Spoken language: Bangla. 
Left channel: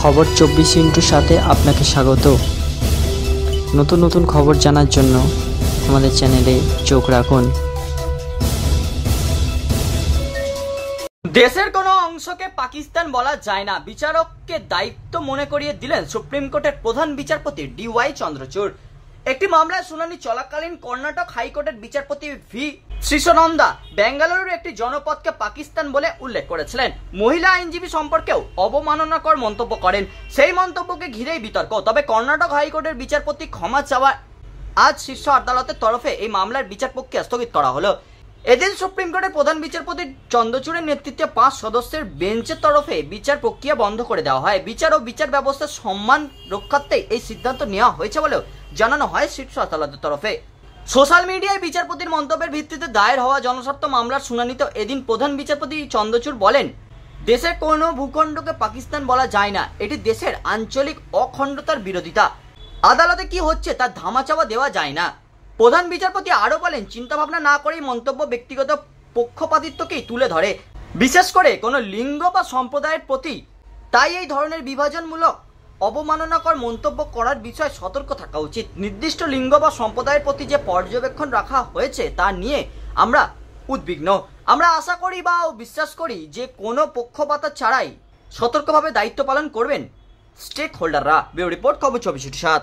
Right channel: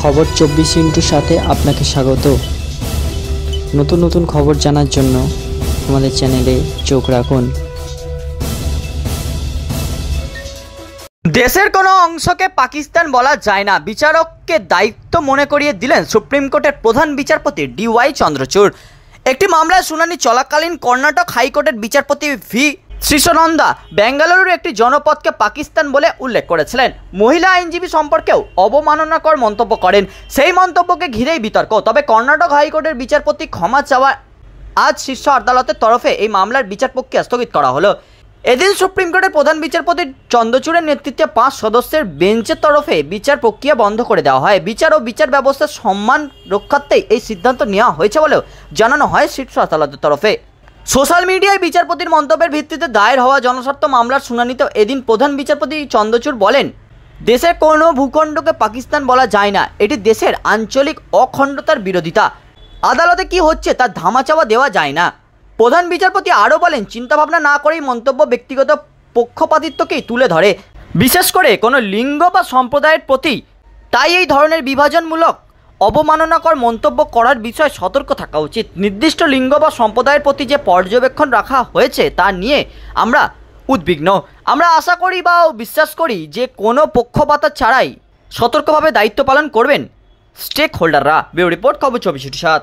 খবর 24 সাথে আপনাকে স্বাগত। নতুন নতুন খবর জানার জন্য আমাদের চ্যানেলে চোখ রাখুন। দেশের কোনো অংশকে পাকিস্তান বলা যায় না, বিচারককে দায়িত্ব মনে করিয়ে দিলেন সুপ্রিম কোর্টের প্রধান বিচারপতি DY চন্দ্রচূড়। একটি মামলার শুনানি চলাকালীন কর্ণাটক হাইকোর্টের বিচারপতি ভি শ্রীশনন্দা বেঙ্গালুরুর একটি জনপদকে পাকিস্তান বলে উল্লেখ করেছিলেন। মহিলা আইনজীবী সম্পর্কেও অবমাননাকর মন্তব্য করেন। সেই মন্তব্যকে ঘিরেই বিতর্ক। তবে কর্ণাটক হাইকোর্টের বিচারপতি ক্ষমা চাওয়া আজ শীর্ষ আদালতের তরফে এই মামলার বিচার প্রক্রিয়া স্থগিত করা হলো। এদিন সুপ্রিম কোর্টের প্রধান বিচারপতি চন্দ্রচূড়ের নেতৃত্বে 5 সদস্যের বেঞ্চের তরফে বিচার প্রক্রিয়া বন্ধ করে দেওয়া হয়। বিচার ও বিচার ব্যবস্থার সম্মান রক্ষার্থেই এই সিদ্ধান্ত নেওয়া হয়েছে বলেও জানানো হয় শীর্ষ আদালতের তরফে। সোশ্যাল মিডিয়ায় বিচারপতির মন্তব্যের ভিত্তিতে দায়ের হওয়া জনস্বার্থ মামলার শুনানিতে এদিন প্রধান বিচারপতি চন্দ্রচূড় বলেন, দেশের কোনো ভূখণ্ডকে পাকিস্তান বলা যায় না, এটি দেশের আঞ্চলিক অখণ্ডতার বিরোধিতা। আদালতে কি হচ্ছে তার ধামাচাপা দেওয়া যায় না। প্রধান বিচারপতি আরও বলেন, চিন্তাভাবনা না করেই মন্তব্য ব্যক্তিগত পক্ষপাতিত্বকেই তুলে ধরে, বিশেষ করে কোনো লিঙ্গ বা সম্প্রদায়ের প্রতি। তাই এই ধরনের বিভাজনমূলক অবমাননাকর মন্তব্য করার বিষয়ে সতর্ক থাকা উচিত। নির্দিষ্ট লিঙ্গ বা সম্প্রদায়ের প্রতি যে পর্যবেক্ষণ রাখা হয়েছে তা নিয়ে আমরা উদ্বিগ্ন। আমরা আশা করি বা বিশ্বাস করি যে কোনো পক্ষপাত ছাড়াই সতর্কভাবে দায়িত্ব পালন করবেন স্টেক হোল্ডাররা। ব্যুরো রিপোর্ট, খবর 24/7।